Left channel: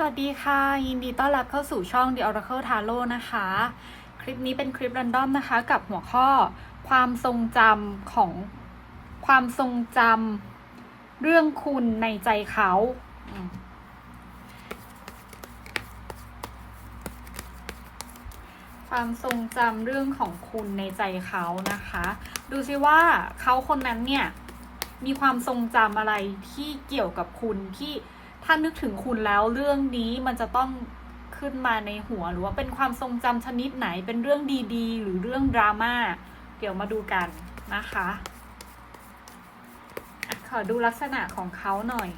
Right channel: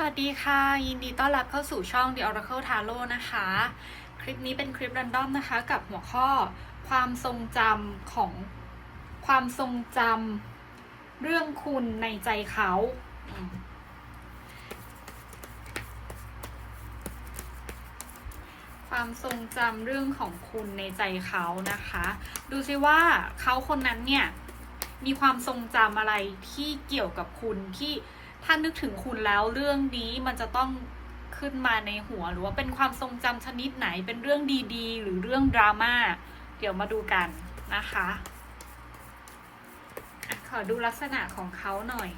สวัสดีค่ะ ยินดีต้อนรับเข้าสู่ช่อง The Oracle Tarot นะคะ คลิปนี้เป็นคลิปรันดอมนะคะ กับหัวข้อความทรงจำของความทรงจำเรื่องคุณในใจเขา ความทรงจำเรื่องของคุณในใจเขานะคะ ดูซิว่าเขาคนนั้นเนี่ย มีความทรงจำอะไรที่เกี่ยวกับคุณที่ ถ้านึกถึงคุณแล้วเรื่องนี้มันจะต้องขึ้นมาในหัวหรือว่าเป็นความทรงจำชนิดไหนเป็นเรื่องดีๆ หรือเรื่องดราม่าเดี๋ยวมาดูกันนะคะขอดูลักษณะของเขาหน่อย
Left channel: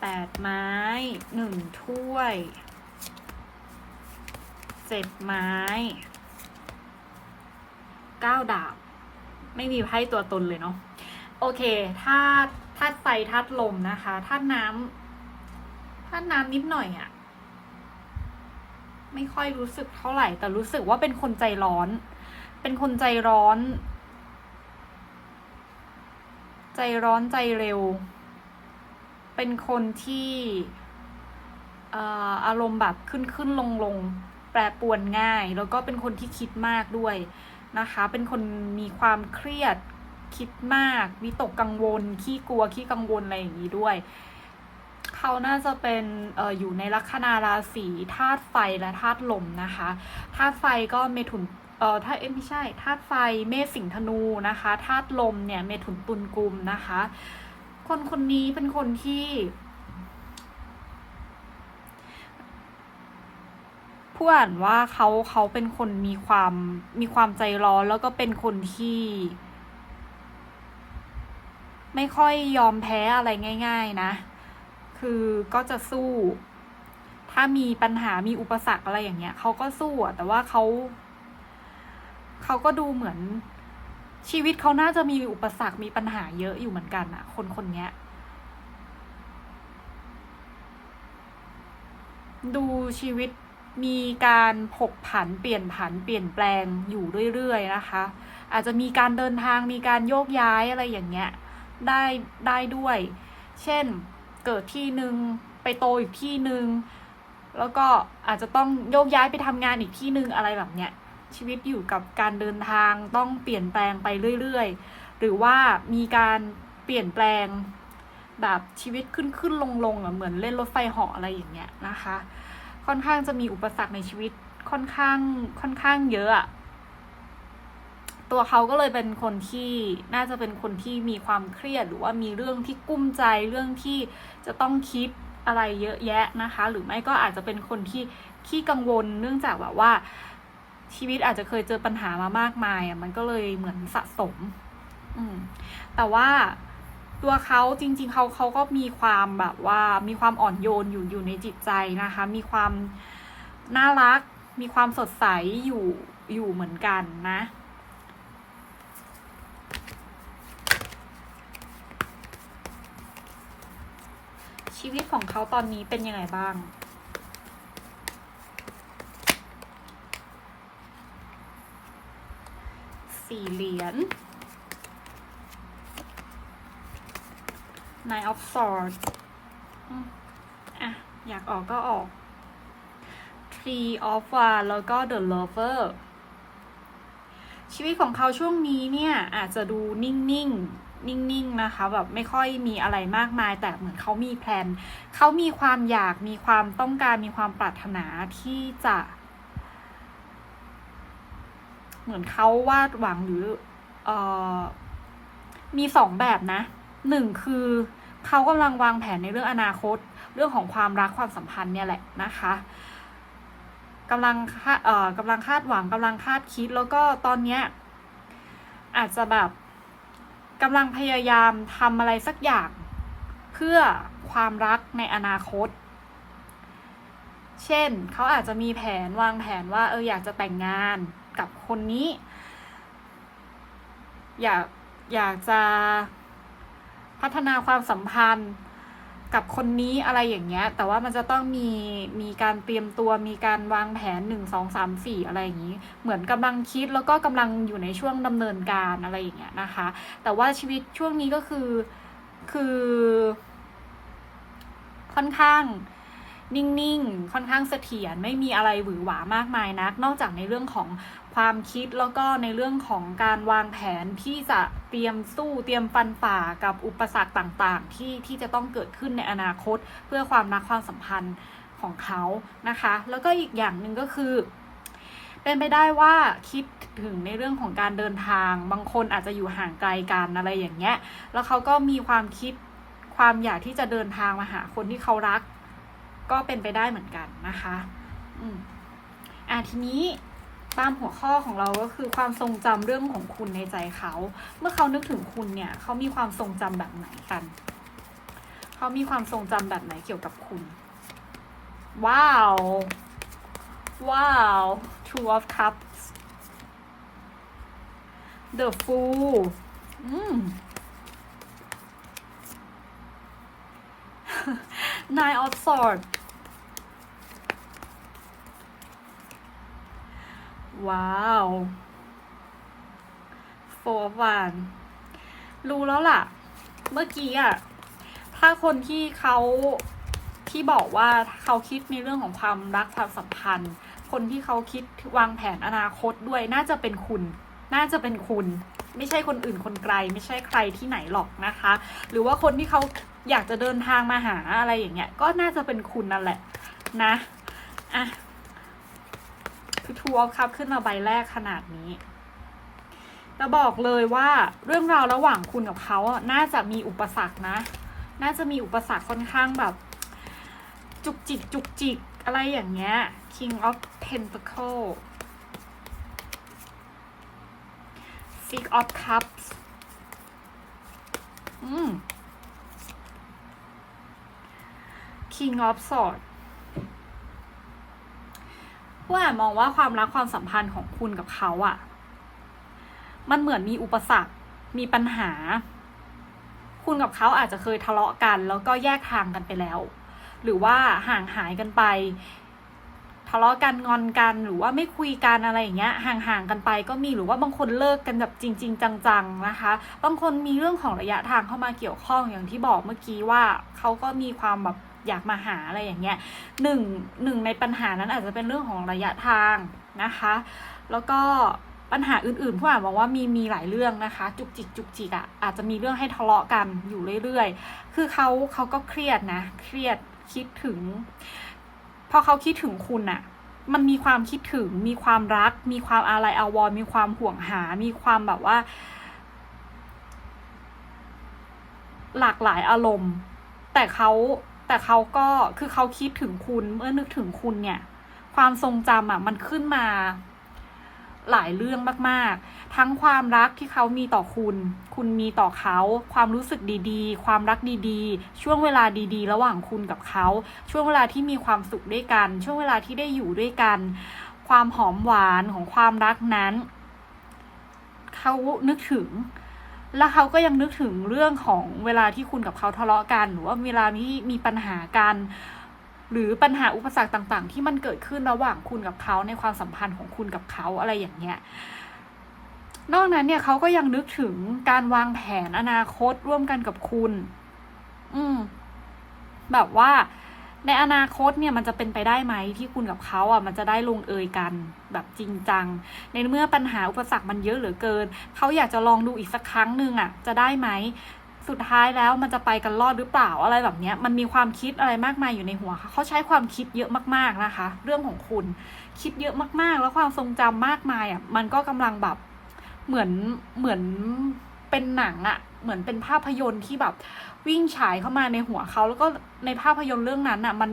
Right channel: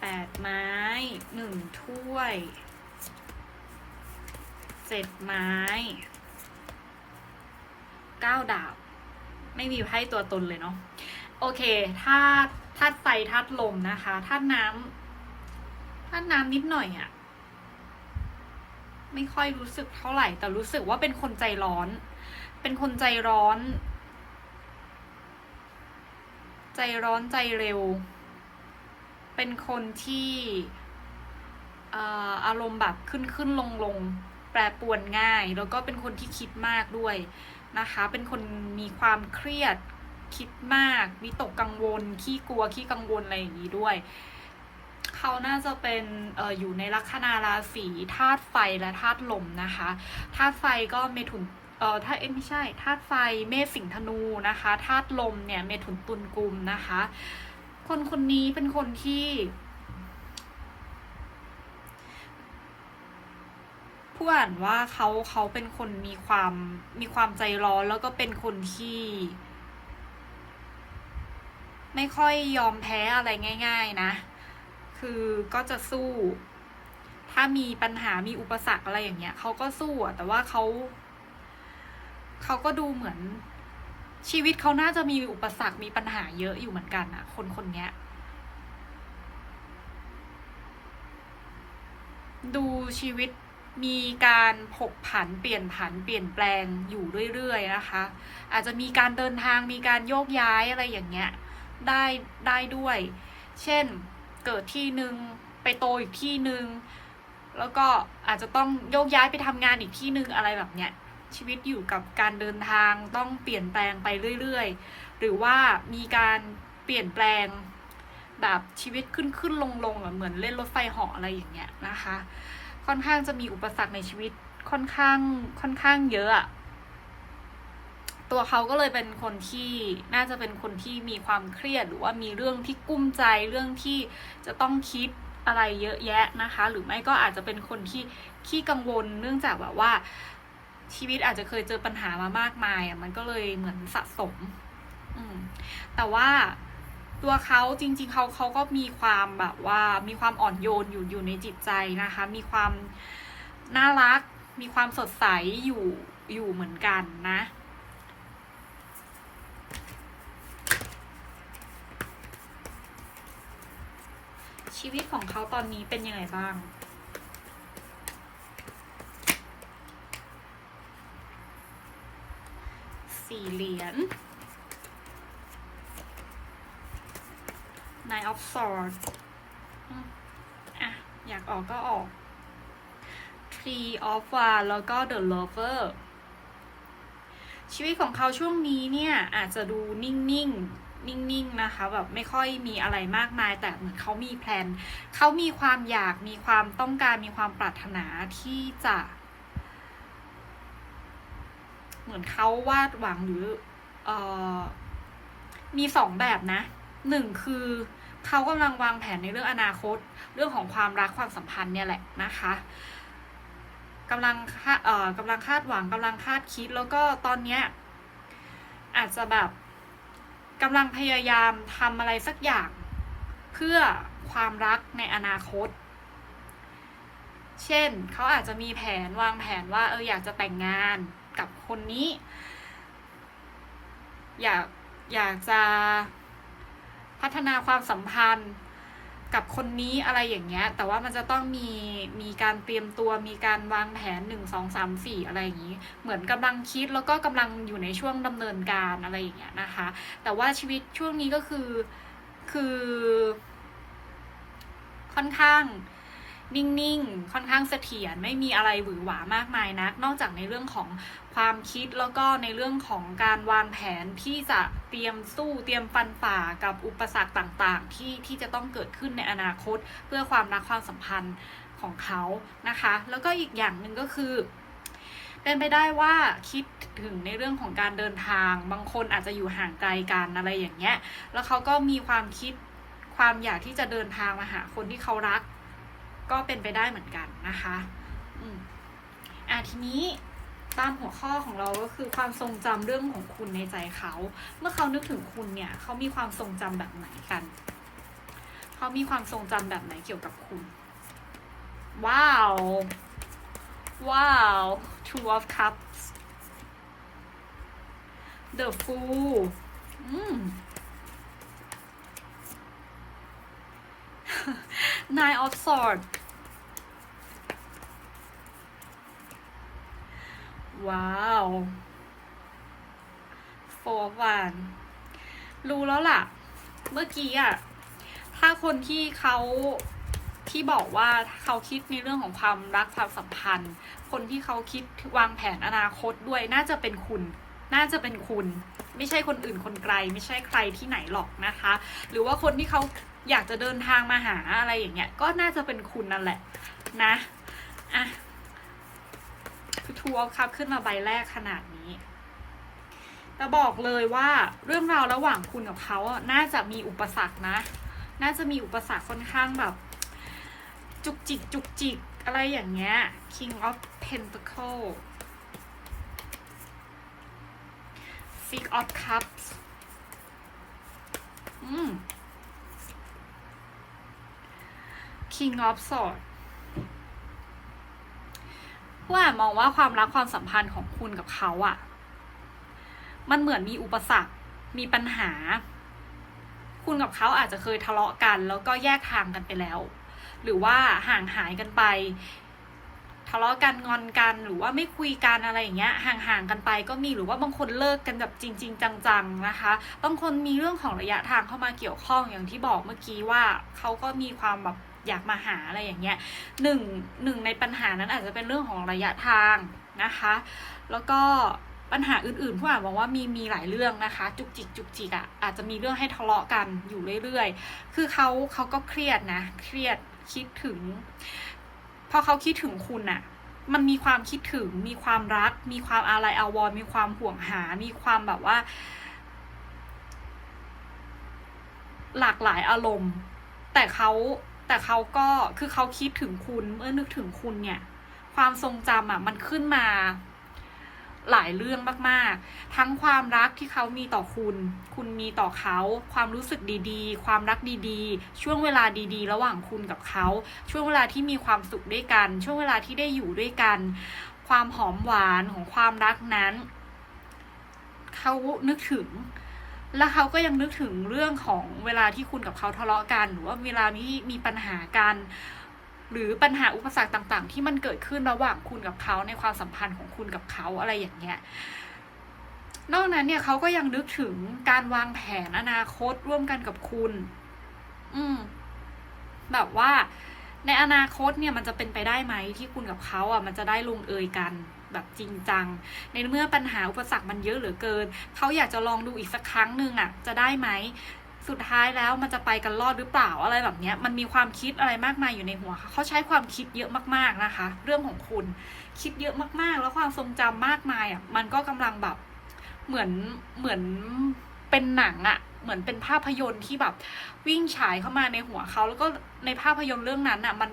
แปดไม้หนึ่งถ้วยเจ็ดไม้เก้าดาบ ไม่มีไพ่ตัวตนเลยเนาะ โอเคถ้าธาตุไฟธาตุลมนะคะธาตุน้ำธาตุน้ำนิดหน่อยอะไม่ค่อยรู้สึกเท่าไหร่ แต่รู้สึกว่าเป็นคนใจร้อน เป็นคนใจร้อน ใจร้อนใจเร็ว เป็นคนที่อ่าอารมณ์แบบขึ้นขึ้นลงลงแปรปวนง่าย แล้วก็เป็นคนที่คิดมากด้วยนะคะ เป็นคนมีความเครียด คิดมากวิตกกังวล ขี้กลัวขี้กังวลอะไรอย่างนี้ด้วย เขาน่าจะเป็นอออยู่ในลัคนาราศีธาตุไฟและธาตุลมนะคะธาตุไฟก็เมถุนเออถ้าเอ็มไม่ใช่ธาตุไฟเมษสิงธนูนะคะธาตุลมเนี่ยเมถุนตุลกุมนะคะ คนคนนี้เป็นคนที่ผู้อ่านว่าเขาเขาเป็นคนมีความมีความใจร้อนแล้วก็เป็นคนที่ ไม่ค่อยยอมแพ้อะไรง่าย ๆนะ คือก็จะสู้ ถ้ามีปัญหามีอุปสรรคอะไรอย่างเงี้ยเขาก็สู้อะแต่ว่าเขาเขาก็ดูเหมือน ชีวิตเขาน่าจะมีอุปสรรคมีปัญหาเยอะอยู่เหมือนกันอะคนคนเนี้ยดูชีวิตมีการผกผันเปลี่ยนผันเปลี่ยนแปลงอยู่เรื่อยๆนะคะ อาจจะมีการเดินทางมีการโยกย้ายอะไรอย่างเงี้ย ได้ได้ด้วย เช่นเกิดที่หนึ่งไปโตอีกที่หนึ่งแล้วก็อาจจะต้องโยกย้ายไปทำงานอีกที่หนึ่งอะไรแบบเนี้ยชีวิตอยู่กับการเดินทางต้องเปลี่ยนแปลงไปเรื่อยๆ หรือว่ามีการเปลี่ยนแปลงแบบชีวิตขึ้นขึ้นลงลงเหมือนเล่นรถไฟเหาะอะไรอย่างเงี้ยนะคะ ค่อนข้างจะมีอุปสรรคในชีวิตค่อนข้างค่อนข้างเยอะอะ ตัวเขาก็เลยเป็นคนที่น่าจะเป็นคนที่มีความเครียด หรือว่ามีเรื่องที่กุ้มใจเรื่องที่จะต้องคิดอะไรเยอะแยะนะคะ หรือไม่ก็อาจจะเป็นคนที่ขี้กังวล เนื่องจากแบบว่าชีวิตอาจจะเคยเจอปัญหามามากมายอะมันก็เลยเหมือนสะสม อืม แต่ว่าตัวเขาจริง ๆเขาเขาก็มีความแบบว่ามีความอ่อนโยนอยู่อยู่ในจิตใจนะคะ มีความน่ารัก มีความสดใสอยู่อยู่เหมือนกันนะ ชีวิตของเขาตอนนี้เป็นยังไงบ้าง สี่เหรียญ Nine of Swords อะ อยากออกก็ออก Tree of One แล้วก็ The Lover ชีวิตของเขาช่วงนี้เนี่ย อาจจะดูนิ่ง ๆ นิ่งๆนะคะแบบไม่ค่อยมีอะไรมากมาย แต่เหมือนเขามีแพลนเขามีความอยากมีความต้องการมีความปรารถนาที่จะ เหมือนเขาวาดหวังหรือเออมีสองแบบนะหนึ่งคือเขากำลังวางแผนในเรื่องอนาคต เรื่องของความรักความสัมพันธ์เนี่ยแหละนะคะกำลังคาดเอ่อกำลังคาดหวังกำลังคาดคิดแล้วก็ตอนเนี้ยอาจจะแบบ กำลังพยายามทำอะไรสักอย่าง เพื่อความรักในอนาคต เช่น เขาอาจจะมีแผนวางแผนว่า เอออยากจะแต่งงานกับคนนี้ อยากอยากจะพัฒนาความสัมพันธ์ กับคนนี้อะไรอย่างเงี้ย แต่ว่ามันจะต้องมีมีการเตรียมตัวมีการวางแผนหนึ่งสองสามสี่อะไรอย่างนี้ เหมือนกำลังคิดแล้วก็กำลังอยู่ในช่วงดำเนินการอะไรอย่างเงี้ยนะคะ แต่ว่าชีวิตช่วงนี้ก็คือคือค่อนข้างนิ่ง ๆ ค่อนข้างเสถียรไม่มีอะไรหวือหวามากมายนัก นอกจากในเรื่องของ ความคิดแล้วก็ในเรื่องของการวางแผนที่จะเตรียมสู้เตรียมฟันฝ่ากับอุปสรรคต่างๆ ที่ที่จะต้องเกิดขึ้นในอนาคต เพื่อความรักความสัมพันธ์ของเขานะคะ แล้วก็อีกอย่างหนึ่งก็คือ เป็นไปได้ว่าคิดถึงในเรื่องของการเดินทาง บางคนอาจจะอยู่ห่างไกลกันอะไรอย่างเงี้ย แล้วเขาก็มีความคิดความอยากที่จะเดินทางมาหาคนที่เขารัก ก็เป็นไปได้เหมือนกันนะคะ อืมอะทีนี้ ตามหัวข้อของเราก็คือความทรงจำเรื่องของคุณในใจเขา เมื่อเขานึกถึงคุณเนี่ยเขามีความทรงจำแบบไหนกัน เขามีความทรงจำแบบไหนเกี่ยวกับคุณ ว้าว ว้าว two of cups the fool อืม nine of swords ว้าว four of one รู้แล้วล่ะ เมื่อกี้อะถ้าคนที่เขาที่บอกว่าเขาคิดในเรื่องของความรักความสัมพันธ์ คนที่เขาคิดวางแผนอนาคตด้วยน่าจะเป็นคุณ น่าจะเป็นคุณ ไม่ใช่คนอื่นคนไกล ไม่ใช่ใครที่ไหนหรอกนะคะ หรือว่าคนที่เขาอยากจะเดินทางมาหาอะไรอย่างเงี้ย ก็น่าจะเป็นคุณนั่นแหละนะอะ คือทัวร์ครับขึ้นมาใบแรกขนาดนี้แต่บอกเลยว่าเรื่องราวระหว่างคุณกับเขาอะน่าจะมีอุปสรรคนะ น่าจะมีอุปสรรคค่อนข้างแบบ จุกจิกจุกจิกอะไรอย่างเงี้ย King of Pentacle Six of Cups อืม King of Swords ผู้อ่านมองว่าความรักความสัมพันธ์ของคุณกับเขาอะมันเหมือนมีอุปสรรค มีปัญหา คุณกับเขาอาจจะเคยทะเลาะกัน แล้วก็แยกทางกันไปแล้ว หรือว่าห่างหายกันไป ทะเลาะกันงอนกันหรือว่าไม่คุยกันอะไรอย่างเงี้ย ห่างๆกันไปก็มีหรือว่าบางคนเลิกกันแบบจริง ๆ จังๆนะคะ บางคนมีเรื่องของระยะทางเข้ามาเกี่ยวข้องอย่างที่บอกเมื่อกี้ว่าเขาก็มีความแบบ อยากมาหาอะไรอย่างเงี้ยหนึ่งหนึ่งในปัญหานั้นอาจจะเป็นเรื่องของระยะทางนะคะ แล้วก็ปัญหาอื่นๆผู้อ่านบอกว่ามีมีหลายเรื่องนะคะ จุกจิกจุกจิกอะ่ะอาจจะมีเรื่องให้ทะเลาะกันอยู่เรื่อยๆ คือเขาเขาก็เครียดนะ เครียดคิดถึง พอเขาคิดถึงคุณอะ่ะ มันมีความคิดถึง มีความรัก มีความอาลัยอาวรณ์มีความห่วงหา มีความแบบว่า หลากหลายอารมณ์ แต่เขา แต่เขาก็คือเขาคิดถึงคุณเมื่อนึกถึงคุณเนี่ย ความทรงจำอะ มันขึ้นมา หลายเรื่องมาก ๆ ทั้งความรักที่เขามีต่อคุณ คุณมีต่อเขา ความรู้สึกดีๆ ความรักดีๆ ช่วงเวลาดีๆ ระหว่างคุณกับเขา ช่วงเวลาที่มีความสุขด้วยกัน ช่วงเวลาที่ได้อยู่ด้วยกัน ความหอมหวานของความรักนั้น เขานึกถึง แล้วเขาก็ยังนึกถึงเรื่องของเวลาที่คุณกับเขาทะเลาะกัน หรือว่าเวลาที่มีปัญหากัน หรือปัญหาอุปสรรคต่าง ๆ ที่มันเกิดขึ้นระหว่างคุณกับเขาในความสัมพันธ์ของคุณกับเขาอะไรอย่างเงี้ยนอกนั้นเนี่ยเขาก็ยังนึกถึงการวางแผนอนาคตร่วมกันกับคุณ อืม แบบว่า ในอนาคตเนี่ยมันจะเป็นไปได้ไหมที่คุณกับเขาอะมันจะได้ลงเอยกันแบบจริงจัง ในเมื่อปัญหาอุปสรรคมันเยอะเหลือเกิน เขาอยากจะลองดูอีกสักครั้งหนึ่งอะ จะได้ไหมสุดท้ายแล้วมันจะไปกันรอดหรือเปล่าอะไรแบบเนี้ยมันมีความคิดอะไรมากมายอยู่ในหัวเขาเขาใช้ความคิดเยอะมากๆนะคะ เรื่องของคุณคิดเยอะมากๆ แล้วความทรงจำมากมายอะมันก็กำลังแบบเหมือนเหมือน เป็นหนังอะเหมือนเป็นภาพยนตร์ที่แบบวิ่งฉายเข้ามาในหัวเขาแล้วก็ในภาพยนตร์เรื่องนั้นอะมัน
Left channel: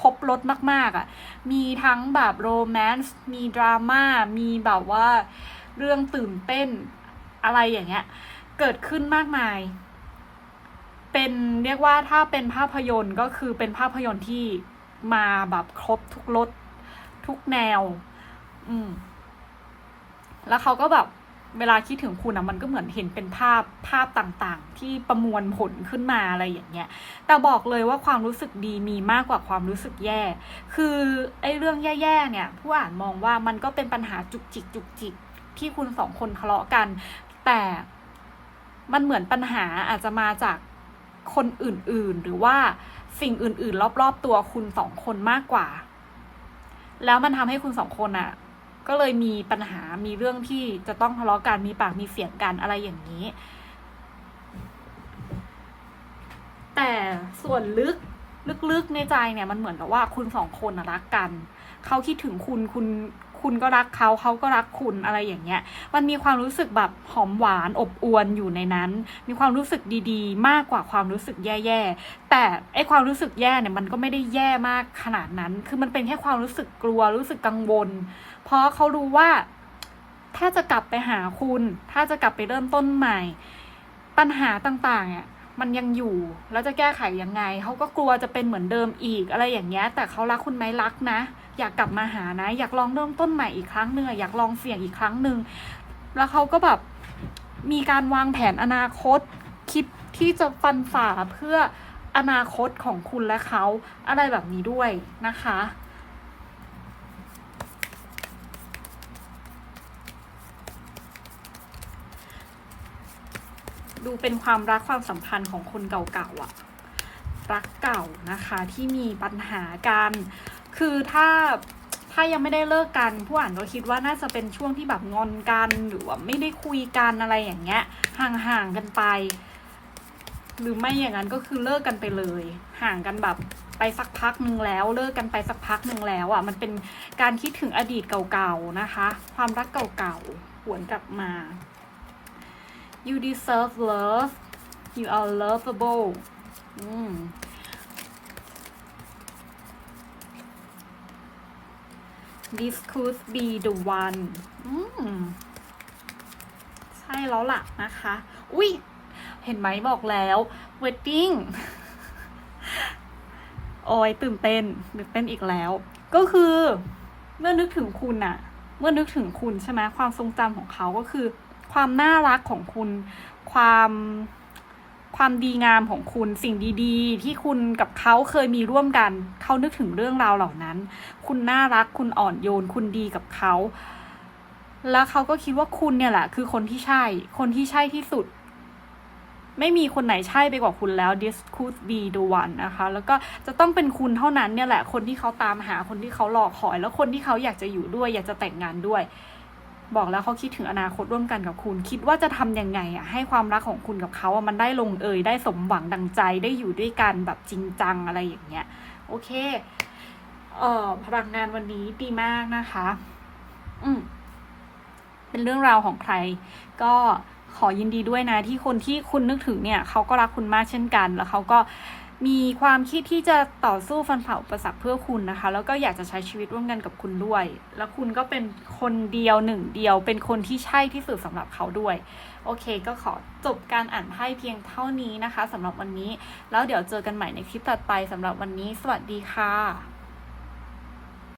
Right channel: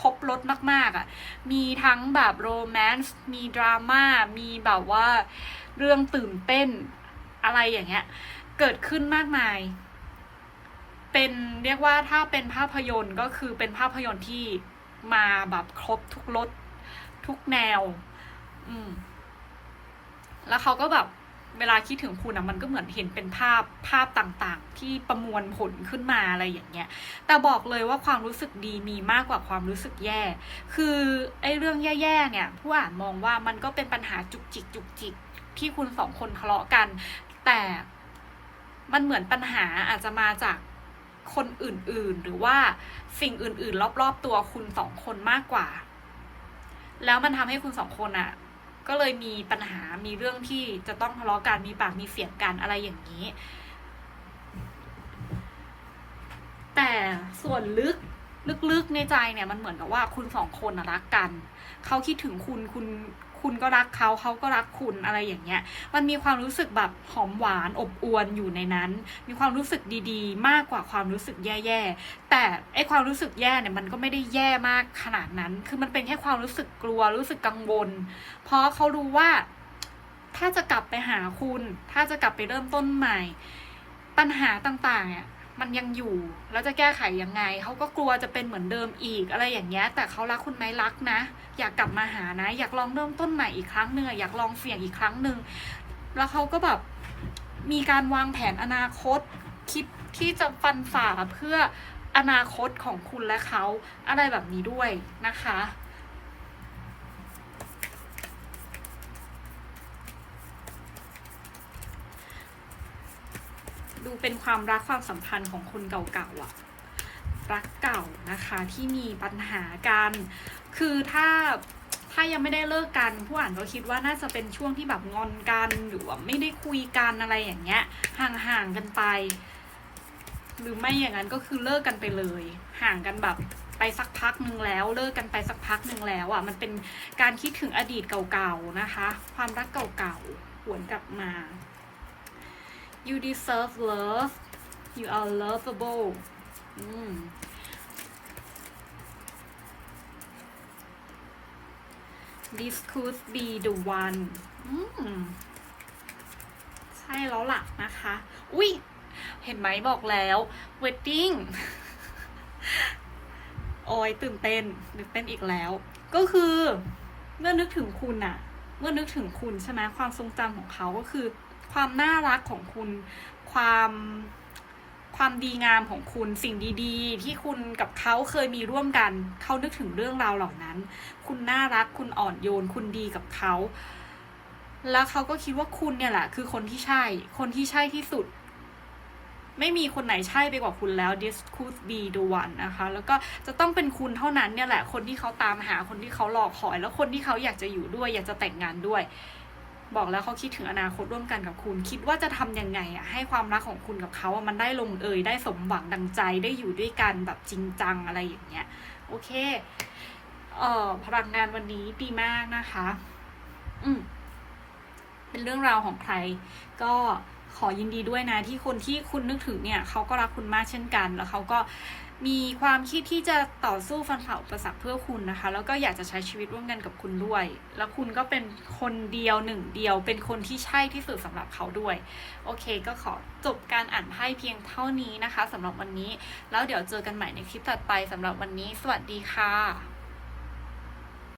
ครบรถมาก ๆอะมีทั้งแบบโรแมนต์มีดราม่ามีแบบว่าเรื่องตื่นเต้นอะไรอย่างเงี้ย เกิดขึ้นมากมาย เป็นเรียกว่าถ้าเป็นภาพยนตร์ก็คือเป็นภาพยนตร์ที่มาแบบครบทุกรสทุกแนว อืม แล้วเขาก็แบบ เวลาคิดถึงคุณอะมันก็เหมือนเห็นเป็นภาพภาพต่างๆ ที่ประมวลผลขึ้นมาอะไรอย่างเงี้ย แต่บอกเลยว่าความรู้สึกดีมีมากกว่าความรู้สึกแย่ คือไอ้เรื่องแย่ๆเนี่ย ผู้อ่านมองว่ามันก็เป็นปัญหาจุกจิกจุกจิกที่คุณสองคนทะเลาะกัน แต่มันเหมือนปัญหาอาจจะมาจากคนอื่นๆ หรือว่าสิ่งอื่นๆ รอบๆตัวคุณสองคนมากกว่า แล้วมันทำให้คุณสองคนอะ ก็เลยมีปัญหา มีเรื่องที่จะต้องทะเลาะกัน มีปาก มีเสียงกันอะไรอย่างนี้ แต่ส่วนลึก ลึกๆในใจเนี่ย มันเหมือนกับว่าคุณสองคนรักกัน เขาคิดถึงคุณ คุณ คุณก็รักเขา เขาก็รักคุณอะไรอย่างเงี้ย มันมีความรู้สึกแบบหอมหวานอบอวลอยู่ในนั้น มีความรู้สึกดีๆ มากกว่าความรู้สึกแย่ๆ แต่ไอความรู้สึกแย่เนี่ย มันก็ไม่ได้แย่มากขนาดนั้น คือมันเป็นแค่ความรู้สึกกลัว รู้สึกกังวล เพราะเขารู้ว่า ถ้าจะกลับไปหาคุณ ถ้าจะกลับไปเริ่มต้นใหม่ ปัญหาต่างๆอะมันยังอยู่แล้วจะแก้ไขยังไงเขาก็กลัวจะเป็นเหมือนเดิมอีกอะไรอย่างเงี้ย แต่เขารักคุณไหมรักนะ อยากกลับมาหานะ อยากลองเริ่มต้นใหม่อีกครั้งหนึ่งอะอยากลองเสี่ยงอีกครั้งหนึ่งแล้วเขาก็แบบมีการวางแผนอนาคต คิดที่จะฟันฝ่าเพื่ออนาคตของคุณและเขาอะไรแบบนี้ด้วยนะคะ ดูเป็นความรักความสัมพันธ์ของคนเก่าๆอะรักเก่านะคะที่มีปัญหากัน คือถ้าถ้ายังไม่ได้เลิกกันผู้อ่านก็คิดว่าน่าจะเป็นช่วงที่แบบงอนกันหรือว่าไม่ได้คุยกันอะไรอย่างเงี้ย ห่างๆกันไป หรือไม่อย่างนั้นก็คือเลิกกันไปเลย ห่างกันแบบไปสักพักหนึ่งแล้ว เลิกกันไปสักพักหนึ่งแล้วอะ มันเป็นการคิดถึงอดีตเก่าๆนะคะ ความรักเก่าๆหวนกลับมา you deserve love you are lovable อืม this could be the one อืมใช่แล้วล่ะนะคะ อุ้ย เห็นไหมบอกแล้ว wedding โอ้ยตื่นเต้นตื่นเต้นอีกแล้ว ก็คือ เมื่อนึกถึงคุณอะเมื่อนึกถึงคุณใช่ไหมความทรงจำของเขาก็คือ ความน่ารักของคุณ ความความดีงามของคุณสิ่งดีๆ ที่คุณกับเขาเคยมีร่วมกัน เขานึกถึงเรื่องราวเหล่านั้น คุณน่ารักคุณอ่อนโยน คุณดีกับเขา แล้วเขาก็คิดว่าคุณเนี่ยแหละคือคนที่ใช่ คนที่ใช่ที่สุด ไม่มีคนไหนใช่ไปกว่าคุณแล้ว this could be the one นะคะ แล้วก็จะต้องเป็นคุณเท่านั้นเนี่ยแหละ คนที่เขาตามหาคนที่เขารอคอย แล้วคนที่เขาอยากจะอยู่ด้วย อยากจะแต่งงานด้วย บอกแล้วเขาคิดถึงอนาคตร่วมกันกับคุณ คิดว่าจะทำยังไงอะให้ความรักของคุณกับเขาอะมันได้ลงเอยได้สมหวังดังใจได้อยู่ด้วยกันแบบจริงจังอะไรอย่างเงี้ยโอเคเอ่อพลังงานวันนี้ดีมากนะคะ อืมเป็นเรื่องราวของใคร ก็ขอยินดีด้วยนะที่คนที่คุณนึกถึงเนี่ยเขาก็รักคุณมากเช่นกัน แล้วเขาก็ มีความคิดที่จะต่อสู้ฟันฝ่าอุปสรรคเพื่อคุณนะคะ แล้วก็อยากจะใช้ชีวิตร่วมกันกับคุณด้วย แล้วคุณก็เป็นคนเดียวหนึ่งเดียว เป็นคนที่ใช่ที่สุดสำหรับเขาด้วย โอเค ก็ขอจบการอ่านไพ่เพียงเท่านี้นะคะสำหรับวันนี้ แล้วเดี๋ยวเจอกันใหม่ในคลิปต่อไปสำหรับวันนี้ สวัสดีค่ะ